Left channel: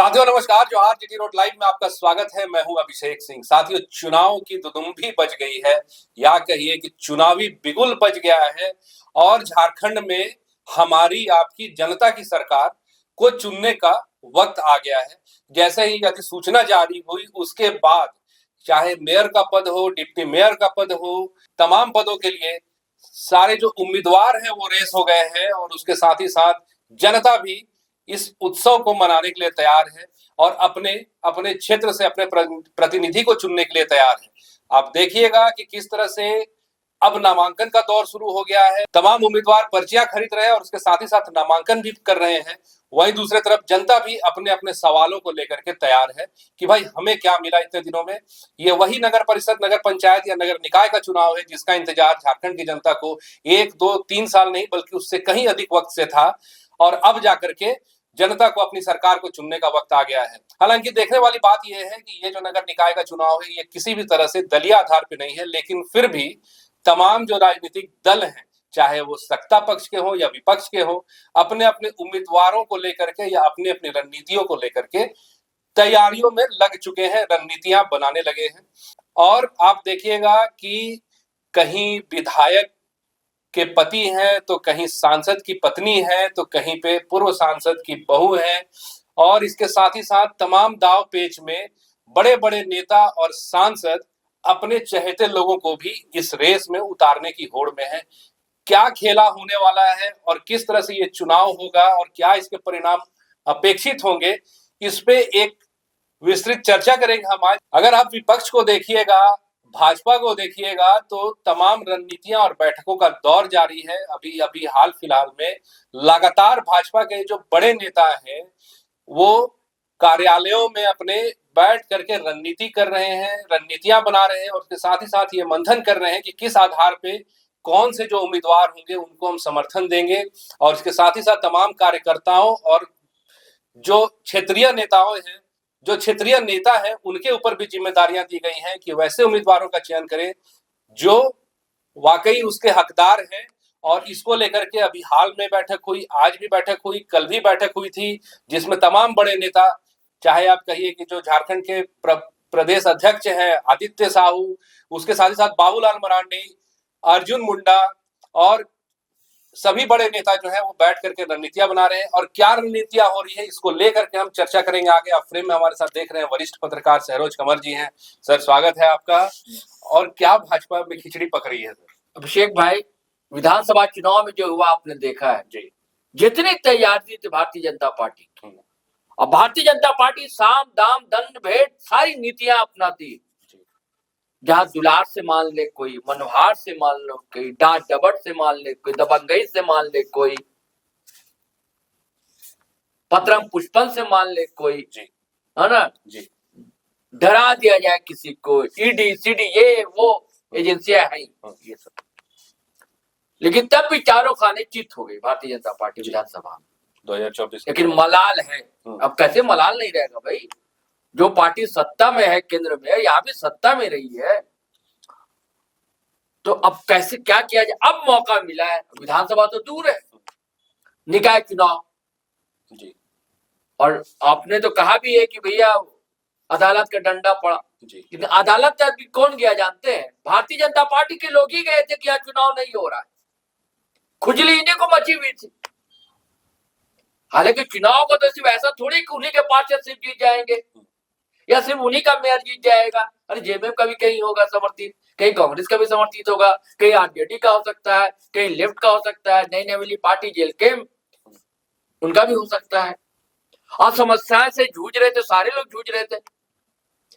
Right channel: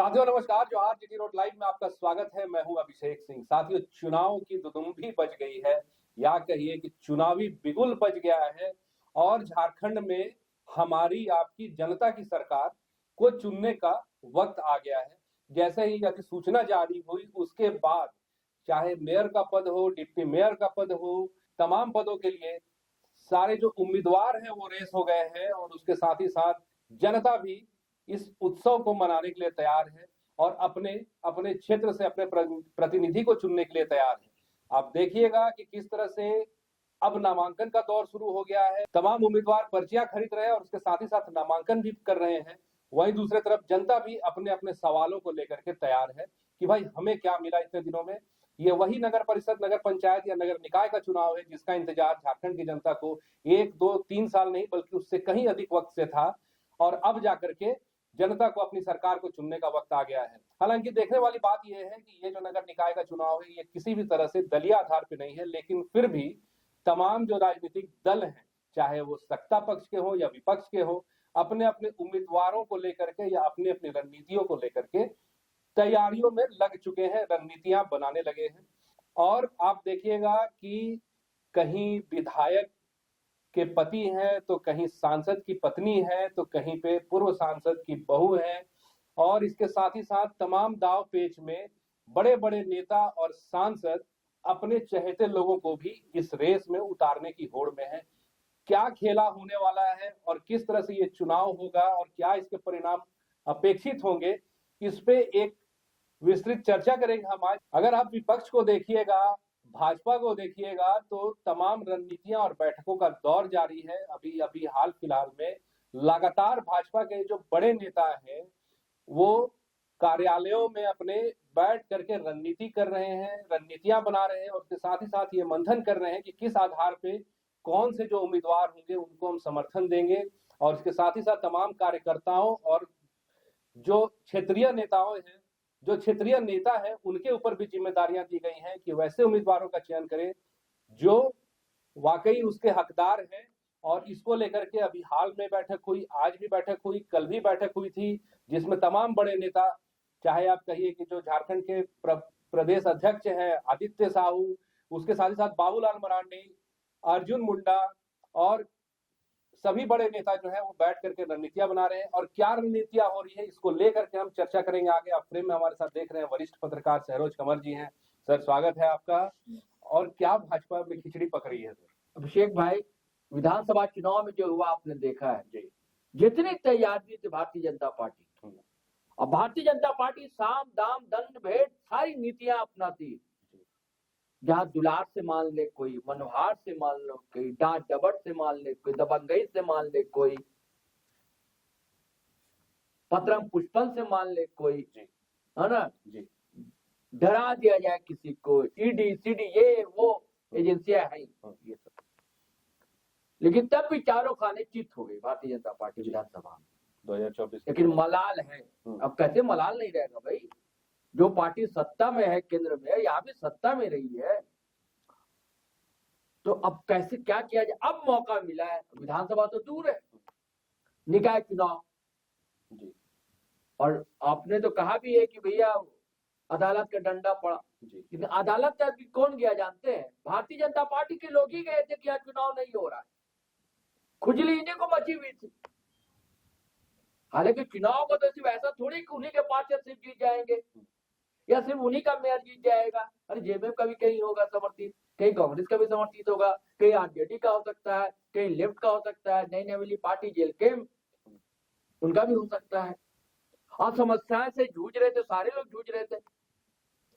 साथियों नमस्कार। जोहार। जीटी रोड लाइव में आपका स्वागत है। मैं हूं अभिषेक सिंह। साथियों, चुनाव की दुदुम्भी बज गई है, या कहिए कि चुनावी बिगुल बज गया है और झारखंड में हमारी आपकी जनता की सरकार को चुनने का वक्त आ गया है। जैसे ही अधिसूचना जारी हुई उसके बाद चाहे मेयर का पद हो, डिप्टी मेयर का पद हो, तमाम पदों के लिए सारे जो उम्मीदवार हैं वो रेस हो गए हैं और उसके साथ ही साथ जनता भी इस उत्सव को मनाने के लिए तैयार है और अपने अपने क्षेत्र से अपने प्रतिनिधि को चुनने के लिए तैयार है। आप देखिएगा कि किस तरह से अब नामांकन का दौर शुरू हो गया है। तमाम उम्मीदवार पर्चियां खरीद रहे हैं और उसके साथ ही साथ नामांकन भी कर रहे हैं। वहीं दूसरे तरफ जनता भी अपने अपने सवालों को लेकर के तैयार है कि भाई हमें क्या मिला इतने दिनों में। ये वही नगर परिषद, नगर पंचायत या नगर निकाय का चुनाव है जिसका इंतजार झारखंड की जनता को 1 2 3 साल नहीं बल्कि उससे कहीं अधिक वक्त से था और अब जाकर के जनता को अपनी सरकार को चुनने का वक्त आ गया है। हालांकि देखने वाली बात यह है कि ये जो नगर निकाय का चुनाव है ये किसी भी तरह से दलीय आधार पर नहीं है, लेकिन फिर भी तमाम जो राजनीतिक दल हैं, चाहे वो सत्ता पक्ष के हो या विपक्ष के हो, अपने अपने उम्मीदवारों को लेकर के या अपनी अपनी रणनीतियों को लेकर के तैयारियों में लग चुके हैं, रणनीतियां बनाने लगे हैं। और आप देखिएगा कि कहीं विधायक के पति हैं तो कहीं सांसद की पत्नी है तो कहीं पे पूर्व सांसद की बहू है और इसके साथ ही साथ तमाम दाव पेच में बड़े बड़े नेता और सांसद अपने चहेते लोगों को भी इस रेस में उतारने की होड़ में है। क्या खेला होने वाला है और किस तरह से ये चुनाव होगा और क्या इसके परिणाम अपेक्षित होंगे, इस पे एक विस्तृत चर्चा करेंगे हम आज। अगर आप विपक्ष को देखिएगा, भाजपा को देखिएगा तो तमाम रणनीतियां और बैठकों का दौर जारी है। अभी अभी हाल फिलहाल में लगातार भाजपा के जो बड़े नेता हैं वो कार्यालयों में अपने बैठ करके रणनीति कर रहे हैं, रणनीतियां बना रहे हैं और उसके साथ ही साथ ये मंथन कर रहे हैं कि किस आधार पे कौन से जो उम्मीदवार होंगे उनको हम समर्थन देंगे। और इसके साथ ही साथ तमाम कार्यकर्ताओं और जो क्षेत्रीय नेताओं हैं, जो क्षेत्रीय नेता है, उनके ऊपर भी जिम्मेदारियां दी गई हैं कि वैसे उम्मीदवारों का चयन करें जो वाकई उसके हकदार हैं। और इसको लेकर के अभी हाल में बैठक हुई, आज भी बैठक हुई, कल भी बैठक हुई थी, जिसमें तमाम बड़े नेता, चाहे आप कहिए कि जो झारखंड के प्रदेश अध्यक्ष हैं आदित्य साहू, उसके साथ ही साथ बाबूलाल मरांडी, अर्जुन मुंडा और सभी बड़े नेता जो है वो बैठ करके रणनीतियां बना रहे हैं। और क्या रणनीतियां हो रही है इसको लेकर के हम चर्चा करेंगे आगे। आप फ्रेम में हमारे साथ देख रहे हैं वरिष्ठ पत्रकार सहरोज कंवर जी हैं। सर स्वागत है आपका। और क्या भाजपा में खिचड़ी पक रही है सर? अभिषेक भाई, विधानसभा चुनाव में जो हुआ आपने देखा है जी, जितनी तैयारी थी भारतीय जनता पार्टी की, अब भारतीय जनता पार्टी साम दाम दंड भेद सारी नीतियां अपनाती। जहां दुलार से मान ले कोई, मनोहार से मान लो कोई, डांट डबट से मान ले कोई, दबंगई से मान ले कोई, पत्रम पुष्पन से मान ले कोई जी, है ना जी, डरा दिया जाए किसी को, ईडी सीडी ये वो एजेंसियां हैं ये सब। लेकिन तब भी चारों खाने चित हो गई भारतीय जनता पार्टी विधानसभा में 2024। लेकिन मलाल है। अब कैसे मलाल नहीं रहेगा भाई? जो पार्टी सत्ता में है, केंद्र में है, यहाँ भी सत्ता में रही है, तो अब कैसे क्या किया जाए? अब मौका मिला है, विधानसभा तो दूर है, निकाय चुनाव जी। और आपने तो कहा भी है कि भैया अदालत का डंडा पड़ा जी, लेकिन अदालत तक भी कौन गया जानते हैं? भारतीय जनता पार्टी के लोग ही गए थे कि यहाँ चुनाव नहीं हो रहा है। खुजली इन्हीं को मची हुई थी। हालांकि चुनाव को तो सिर्फ ऐसा थोड़ी कि उन्हीं के पास से सिर्फ जीत जाएंगे या सिर्फ उन्हीं का मेयर जीत जाएगा। अरे जेएमएम का भी कहीं होगा समर्थित, कहीं कांग्रेस का भी समर्थित होगा, कहीं आरजेडी का हो सकता है, कहीं लेफ्ट का हो सकता है, नई नवेली पार्टी जेल उनका भी हो सकता है। और समस्याएं से जूझ रहे थे, सारे लोग जूझ रहे थे।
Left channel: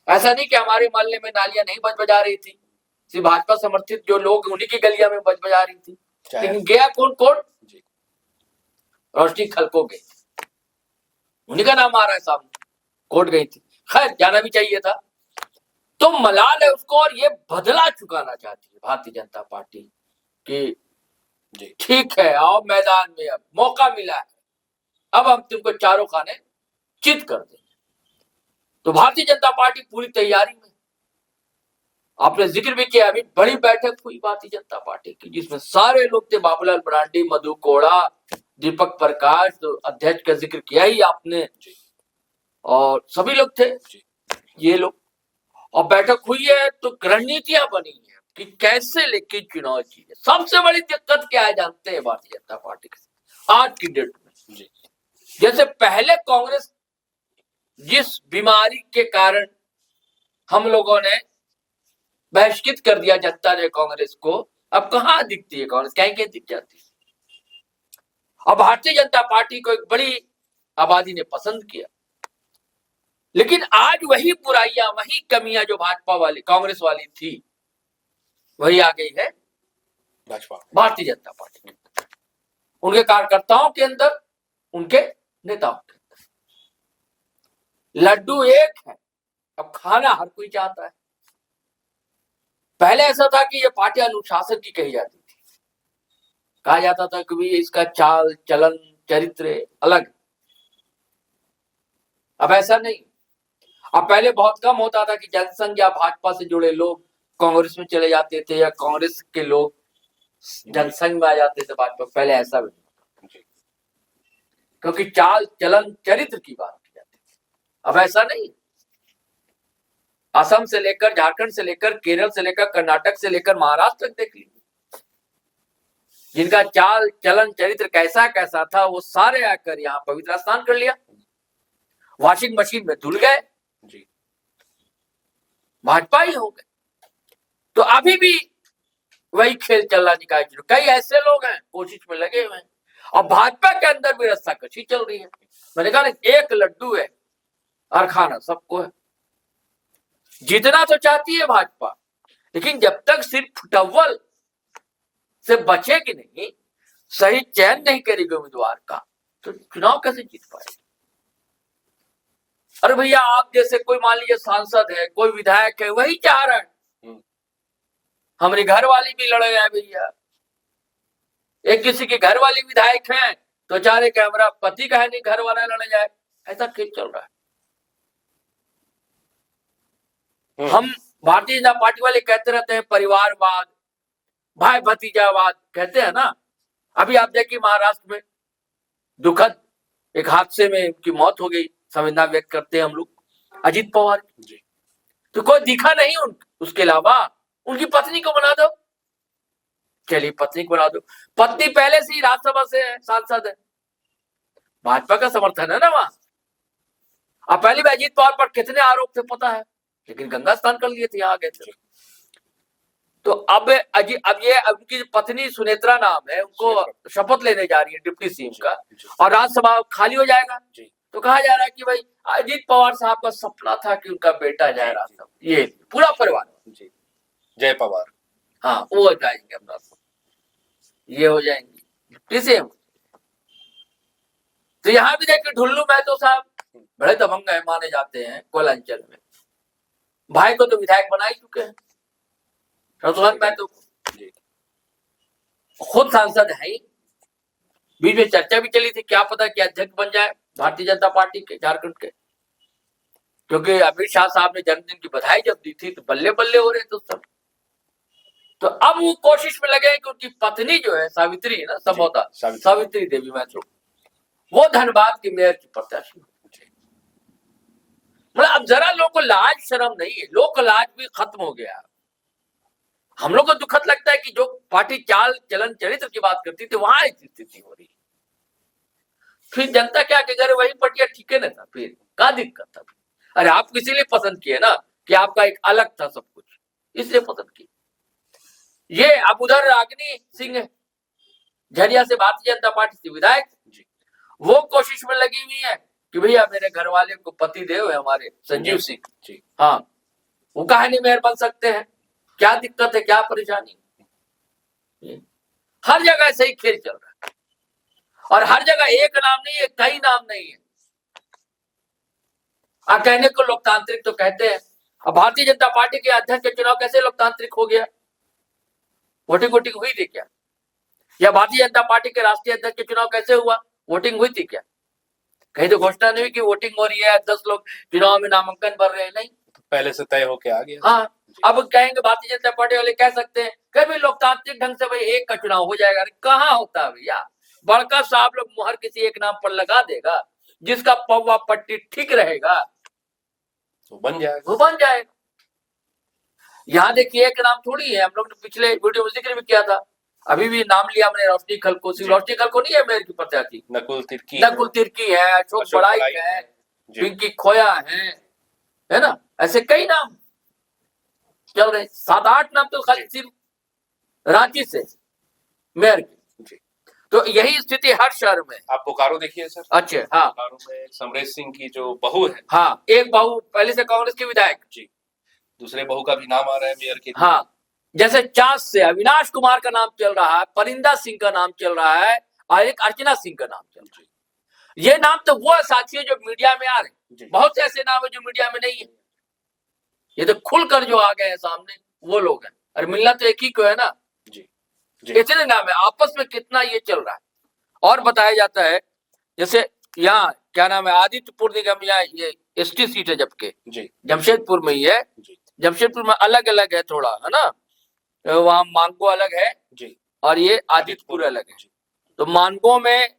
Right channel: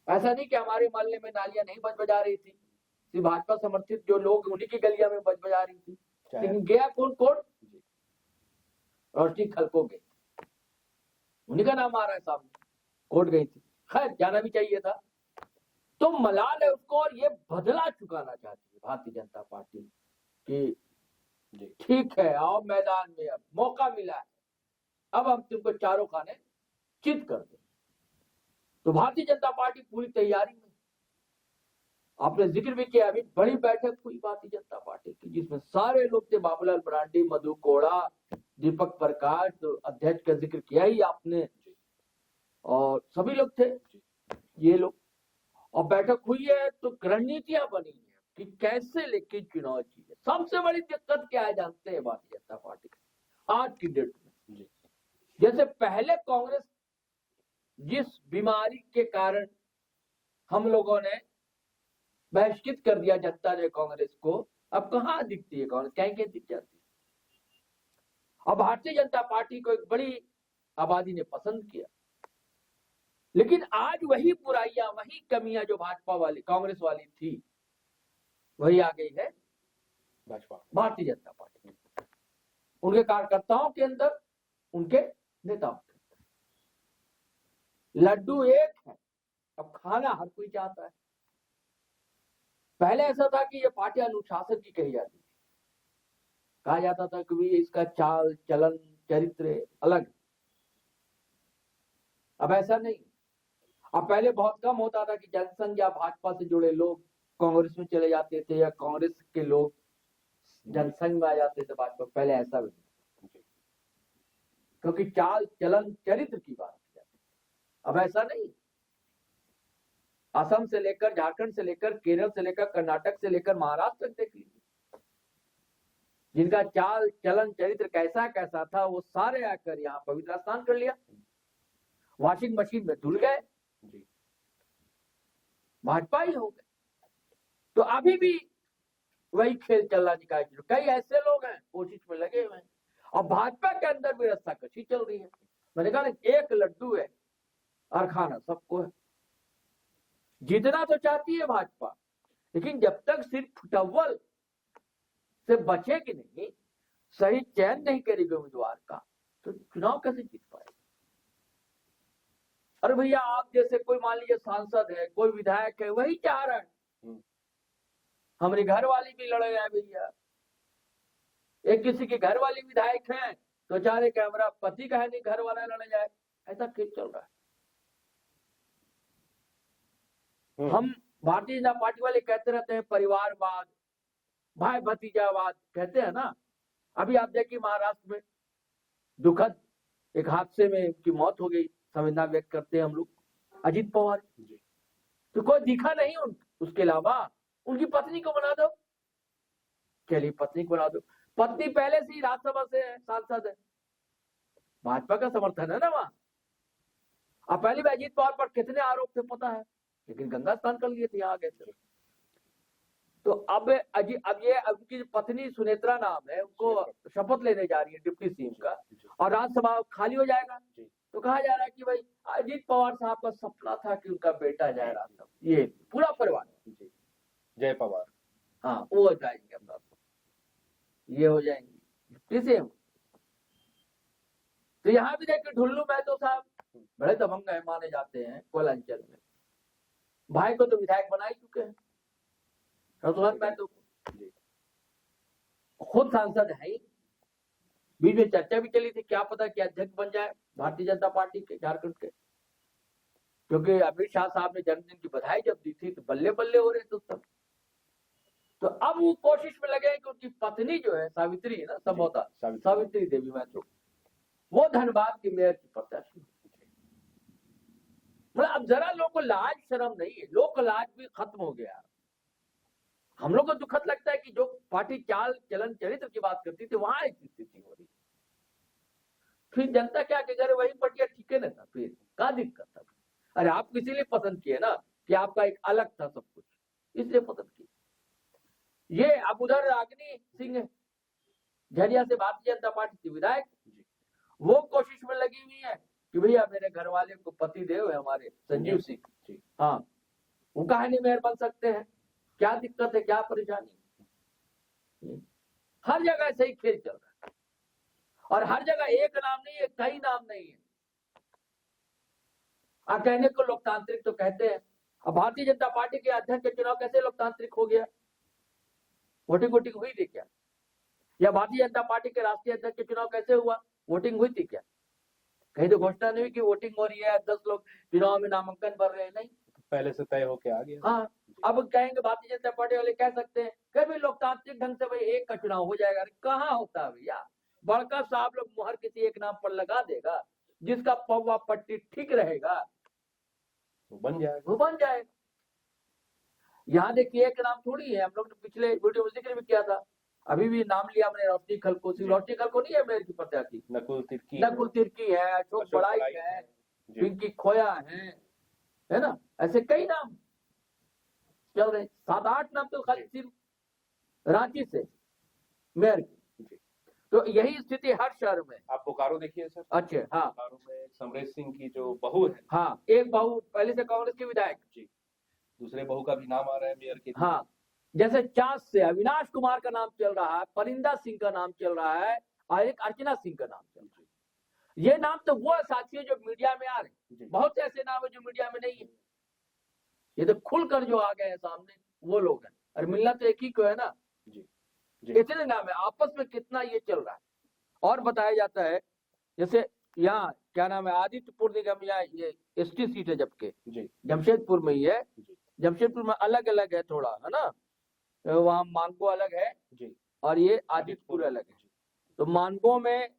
ऐसा नहीं कि हमारे मोहल्ले में नालियां नहीं बज बजा रही थी, सिर्फ भाजपा समर्थित जो लोग उन्हीं की गलियां में बज बजा रही थी। लेकिन गया कौन? कोर्ट रोशनी खलको गई, उन्हीं का नाम आ रहा है सामने, कोर्ट गई थी। खैर जाना भी चाहिए था। तो मलाल है उसको और ये बदला चुकाना चाहती है भारतीय जनता पार्टी कि ठीक है आओ मैदान में, अब मौका मिला है, अब हम तुमको चारों खाने चित कर देंगे। तो भारतीय जनता पार्टी पूरी तैयारी में। आपने जिक्र भी किया, अभी बड़ी बैठक हुई भारतीय जनता पार्टी की जिसमें सारे लोग थे, बाबूलाल मरांडी, मधु कोड़ा, दीपक प्रकाश, तो अध्यक्ष का जिक्र किया ही आपने, और सभी लोग थे, ये लोग, और बैठक हुई है तो रणनीतियां बनी है कि कैसे लेके चुनाव जीते। सबसे बड़ी दिक्कत क्या है जानते हैं भारतीय जनता पार्टी के आज की डेट में? जैसे पहले कांग्रेस जिस बीमारी के कारण हम लोगों ने बहिष्कृत कर दिया जनता ने कांग्रेस को, अब कहां दिखती है कांग्रेस? कहीं दिख जाती है। अब भारतीय जनता पार्टी को एक बड़ी आबादी ने पसंद किया, लेकिन आज वही बुराइयां, वही कमियां जो भाजपा वाली, कांग्रेस वाली थी, वही आ गई है भाजपा, भारतीय जनता पार्टी के अंदर, उनके कार्यकर्ताओं के अंदर, उनके नेताओं के अंदर। लड्डू एक है, अब खाना हर कोई चाहता है। पहले ऐसा था कि ये पार्टी अनुशासन की कही जाती थी, कहा जाता था कि इसका चाल चलन चरित्र अलग। अब ऐसा नहीं। अब पहले बहुत कम होता था कि जनसंघ या भाजपा से जुड़े लोग कांग्रेस में चले जाते थे या कांग्रेस के लोग जनसंघ में आ जाते थे भाजपा। पहले ऐसा भी नहीं, क्योंकि चाल चलन चरित्र की बात की जाती थी। अब ऐसा नहीं। असम से लेकर, झारखंड से लेकर, केरल से लेकर, कर्नाटक से लेकर महाराष्ट्र तक देख लीजिए, जिनका चाल चलन चरित्र कैसा कैसा था, वो सारे आकर यहाँ पवित्र स्नान कर लिया, वॉशिंग मशीन में धुल गए, भाजपा ही हो गए। तो अभी भी वही खेल चल रहा निकाय चुनाव। कई ऐसे लोग हैं कोशिश में लगे हुए हैं, और भाजपा के अंदर भी रस्साकशी चल रही है। मैंने कहा एक लड्डू है और खाना सबको है। जीतना तो चाहती है भाजपा, लेकिन जब तक सिर्फ फुटअव्वल से बचेगी नहीं, सही चयन नहीं करेगी उम्मीदवार का, तो चुनाव कैसे जीत पाएगी? अरे भैया, आप जैसे कोई मान लीजिए सांसद है, कोई विधायक है, वही चाह रहा है हमारी घर वाली भी लड़ जाए भैया। एक किसी के घर वाली विधायक है तो चाह रहे कि हमारा पति का है नहीं, घर वाला लड़ जाए। ऐसा खेल चल रहा है। हम भारतीय जनता पार्टी वाले कहते रहते हैं परिवारवाद, भाई भतीजावाद कहते हैं ना। अभी आप देखिए महाराष्ट्र में दुखद एक हादसे में उनकी मौत हो गई, संवेदना व्यक्त करते हैं हम लोग, अजीत पवार जी। तो कोई दिखा नहीं उसके अलावा उनकी पत्नी को बना दो, चलिए पत्नी को बना दो। पत्नी पहले से ही राज्यसभा से है, सांसद है, भाजपा का समर्थन है ना वहां। अब पहले भी अजीत पवार पर कितने आरोप थे पता है, लेकिन गंगा स्नान कर लिए थे, यहाँ गए थे। तो अब ये उनकी पत्नी सुनेत्रा नाम है, उनको शपथ लेने जा रही है डिप्टी सीएम का, और राज्यसभा खाली हो जाएगा। तो कहा जा रहा है कि भाई अजीत पवार साहब का सपना था कि उनका बेटा जाए राज्यसभा, ये पूरा परिवार जी, जय पवार, हाँ वो हो जाएंगे अपना, ये हो जाएंगे डिप्टी सीएम। तो यहाँ भी देखिए ढुल्लू महतो साहब बड़े दबंग है, माने जाते हैं कोयलांचल में। भाई को तो विधायक बना ही चुके हैं, रघुवंश महतो खुद सांसद है ही। बीच में चर्चा भी चली थी, क्या पता कि अध्यक्ष बन जाए भारतीय जनता पार्टी के झारखंड के, क्योंकि अमित शाह साहब ने जन्मदिन की बधाई जब दी थी तो बल्ले बल्ले हो रहे थे उस समय। तो अब वो कोशिश में लगे कि उनकी पत्नी जो है सावित्री है ना, संभवतः सावित्री देवी महतो, वो धनबाद की मेयर की प्रत्याशी। मतलब अब जरा लोगों को लाज शर्म नहीं है, लोक लाज भी खत्म हो गया। हम लोग को दुखद लगता है कि जो पार्टी चाल चलन चरित्र की बात करती थी वहां ऐसी स्थिति हो रही। फिर जनता क्या कहे, वही पटिया ठीक है ना था, फिर क्या दिक्कत था? अरे आप इसीलिए पसंद किए ना कि आपका एक अलग था सब कुछ, इसलिए पसंद किए। ये अब उधर रागिनी सिंह है, झरिया से भारतीय जनता पार्टी से विधायक, वो कोशिश में लगी हुई है कि भैया मेरे घर वाले को पति देव है हमारे संजीव सिंह, हाँ वो कहा नहीं मेयर बन सकते हैं, क्या दिक्कत है, क्या परेशानी? हर जगह सही खेल चल रहा है, और हर जगह एक नाम नहीं है, कई नाम नहीं है। आप कहने को लोकतांत्रिक तो कहते हैं, अब भारतीय जनता पार्टी के अध्यक्ष का चुनाव कैसे लोकतांत्रिक हो गया? वोटिंग हुई थी क्या? या भारतीय जनता पार्टी के राष्ट्रीय अध्यक्ष का चुनाव कैसे हुआ? वोटिंग हुई थी क्या? कहीं तो घोषणा नहीं हुई कि वोटिंग हो रही है, 10 लोग चुनाव में नामांकन भर रहे हैं, नहीं, पहले से तय होके आ गया। हाँ, अब कहेंगे भारतीय जनता पार्टी वाले कह सकते हैं कि भाई लोकतांत्रिक ढंग से भाई एक का चुनाव हो जाएगा। कहाँ होता है भैया? बड़का साहब लोग मुहर किसी एक नाम पर लगा देगा, जिसका पौवा पट्टी ठीक रहेगा तो बन जाएगा। वो बन जाएगा। यहाँ देखिए एक नाम थोड़ी है, हम लोग ने पिछले वीडियो में जिक्र भी किया था, अभी भी नाम लिया हमने रोशनी खलको। सिर्फ रोशनी खलको नहीं है मेयर की प्रत्याशी, नकुल तिर्की नकुल तिर्की है, अशोक बड़ाई है, पिंकी खोया है ना, ऐसे कई नाम चल रहे। 7-8 नाम तो खाली सिर्फ रांची से मेयर की। तो यही स्थिति हर शहर में। आप बोकारो देखिए सर। अच्छा, हाँ, बोकारो में समरेश सिंह की जो बहू है, हाँ, एक बहू पहले से कांग्रेस की विधायक जी, दूसरे बहू का भी नाम आ रहा है मेयर के। हाँ, जैसे चास से अविनाश कुमार का नाम चल रहा है, परिंदा सिंह का नाम चल रहा है, और एक अर्चना सिंह का नाम चल रहा है। ये नाम तो वो साथी है जो मीडिया में आ रहे, बहुत से ऐसे नाम है जो मीडिया में नहीं है, ये तो खुलकर जो आ गए हैं सामने वो लोग हैं। और मिलना तो एक ही को है ना जी, इतने नाम है, आपस में कितना ये चल रहा है। और बताया जाता है जैसे यहाँ क्या नाम है, आदित्यपुर निगम, यहाँ ये एसटी सीट है, जबकि जमशेदपुर में ही है। जमशेदपुर में अलग अलग है थोड़ा, है ना, वहां मानगो अलग है जी, और ये आदित्यपुर अलग है। तो मानगो में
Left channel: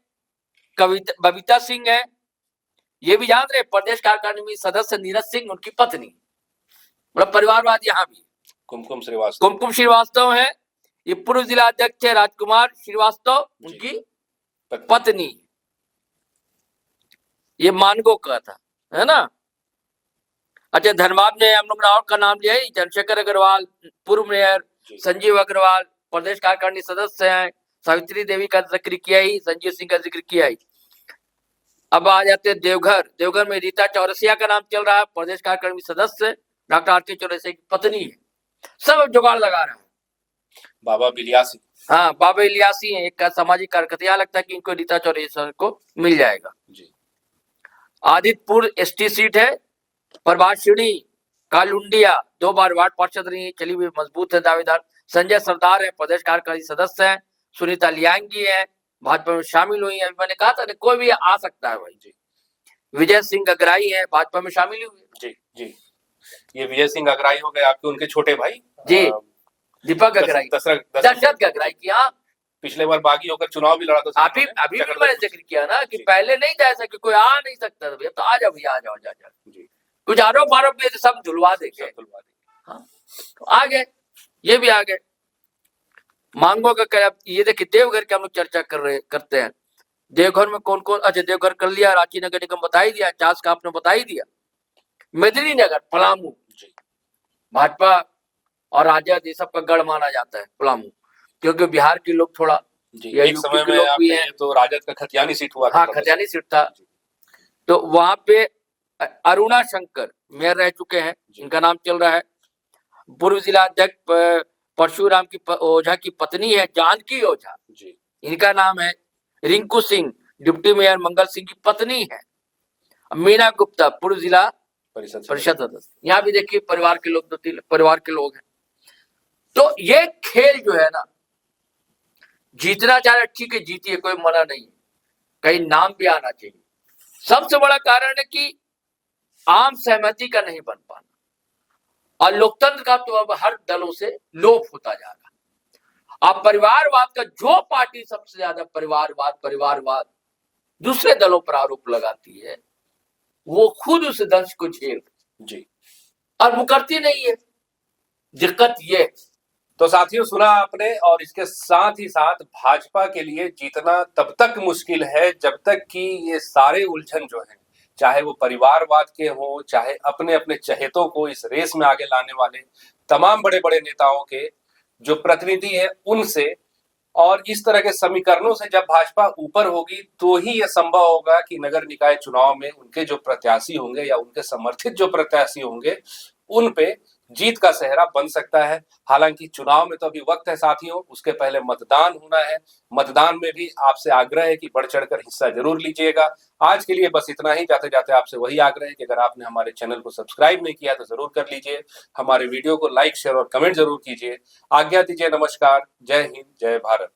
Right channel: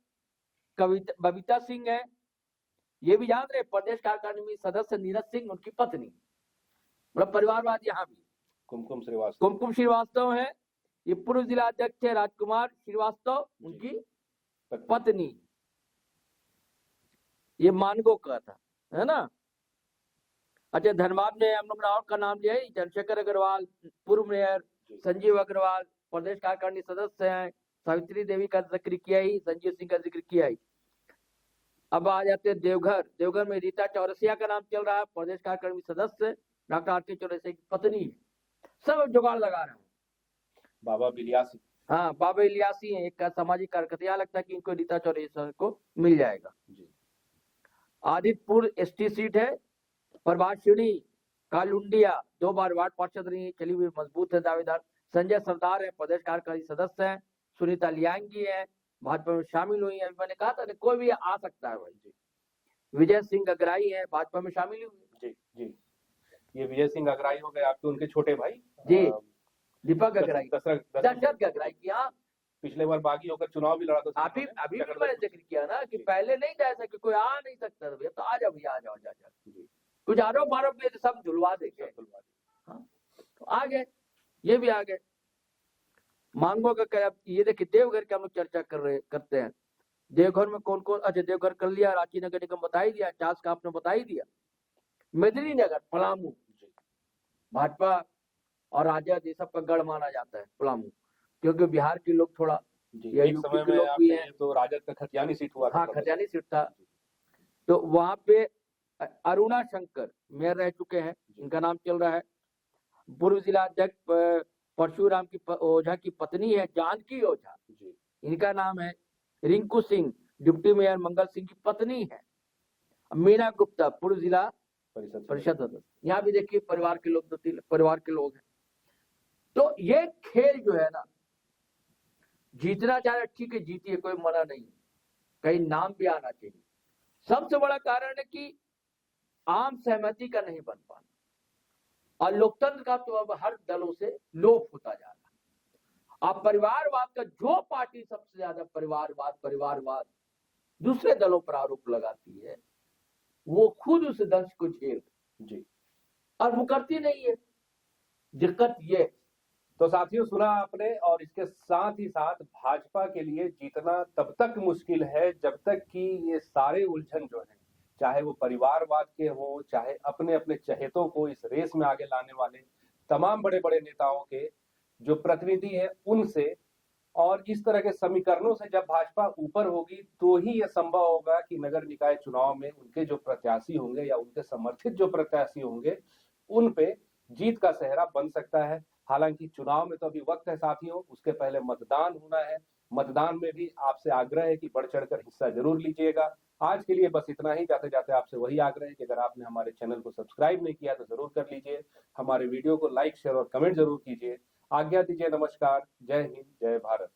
बबीता सिंह है, ये भी जान रहे, प्रदेश कार्यकारिणी सदस्य नीरज सिंह उनकी पत्नी, बड़ा परिवारवाद यहाँ भी। कुमकुम श्रीवास्तव है, ये पूर्व जिला अध्यक्ष है राजकुमार श्रीवास्तव, उनकी पत्नी, ये मानगो का था, है ना। अच्छा, धनबाद में हम लोग ने और का नाम लिया है, चंद्रशेखर अग्रवाल पूर्व मेयर, संजीव अग्रवाल प्रदेश कार्यकारिणी सदस्य हैं, सावित्री देवी का जिक्र किया ही, संजीव सिंह का जिक्र किया ही। अब आ जाते हैं देवघर में रीता चौरसिया का नाम चल रहा है, प्रदेश कार्यकारिणी सदस्य, डॉक्टर आरती चौरसिया की पत्नी है। सब जुगाड़ लगा रहे हैं। बाबा इलियासी, हाँ, बाबा इलियासी है, एक सामाजिक कार्यकर्ता, लगता है कि इनको रीता चौरसिया को मिल जाएगा जी। आदित्यपुर एसटी सीट है, प्रभाषिणी कालुंडिया 2 बार वार्ड पार्षद रही, चली हुई मजबूत है दावेदार। संजय सरदार है, प्रदेश कार्यकारी सदस्य है। सुनीता लियांगी है, भाजपा में शामिल हुई है, मैंने कहा था कोई भी आ सकता है भाई जी। विजय सिंह अग्राई है, भाजपा में शामिल हुई जी जी। ये विजय सिंह अग्राई हो गए आपके, उनके छोटे भाई जी, दीपक अग्राई, दशरथ अग्राई की। हाँ, पिछले बार बागी होकर चुनाव भी लड़ा था। अभी भी मैंने जिक्र किया ना कि पहले नहीं जा सके, कोई आ नहीं सकता था, तो आ जाओ भैया, आ जाओ, जा कुछ आरोप में सब धुलवा देंगे। हाँ, तो आ गए, ये भी आ गए। मांगो का ये देखिए, देवघर की हम लोग चर्चा करते हैं। देवघर में कौन कौन, अच्छा देवघर कर लिया, रांची नगर निगम बता ही दिया, चास का आपने बता ही दिया, मेदिनीनगर पलामू भाजपा और राजद ये सब का गढ़ माना जाता है पलामू, क्योंकि बिहार के लोग थोड़ा एक समय में आप है तो राजद का खतियानी सीट हुआ था। हाँ, खतियानी सीट था, तो वहां पे अरुणा शंकर मेयर रह चुके हैं, इनका नाम चल रहा है। पूर्व जिला अध्यक्ष परशुराम की ओझा की पत्नी है जानकी ओझा जी, इनका नाम है। रिंकू सिंह डिप्टी मेयर मंगल सिंह की पत्नी है। मीना गुप्ता पूर्व जिला परिषद सदस्य। यहाँ भी देखिए परिवार के लोग, 2-3 परिवार के लोग हैं। तो ये खेल जो है ना, जीतना चाहे ठीक है जीतिए, कोई मना नहीं, कहीं नाम भी आना चाहिए। सबसे बड़ा कारण है कि आम सहमति का नहीं बन पाना, और लोकतंत्र का तो अब हर दलों से लोप होता जा रहा। अब परिवारवाद का जो पार्टी सबसे ज्यादा परिवारवाद दूसरे दलों पर आरोप लगाती है, वो खुद उस दंश को झेल जी, और वो करती नहीं है। दिक्कत ये। तो साथियों, सुना आपने, और इसके साथ ही साथ भाजपा के लिए जीतना तब तक मुश्किल है जब तक कि ये सारे उलझन जो है, चाहे वो परिवारवाद के हो, चाहे अपने अपने चहेतों को इस रेस में आगे लाने वाले तमाम बड़े बड़े नेताओं के जो प्रतिनिधि है उनसे, और इस तरह के समीकरणों से जब भाजपा ऊपर होगी तो ही यह संभव होगा कि नगर निकाय चुनाव में उनके जो प्रत्याशी होंगे या उनके समर्थित जो प्रत्याशी होंगे उन पे जीत का सेहरा बन सकता है। हालांकि चुनाव में तो अभी वक्त है साथियों, उसके पहले मतदान होना है। मतदान में भी आपसे आग्रह है कि बढ़ चढ़कर हिस्सा जरूर लीजिएगा। आज के लिए बस इतना ही। जाते जाते आपसे वही आग्रह है कि अगर आपने हमारे चैनल को सब्सक्राइब नहीं किया तो जरूर कर लीजिए, हमारे वीडियो को लाइक, शेयर और कमेंट जरूर कीजिए। आज्ञा दीजिए, नमस्कार, जय हिंद, जय भारत।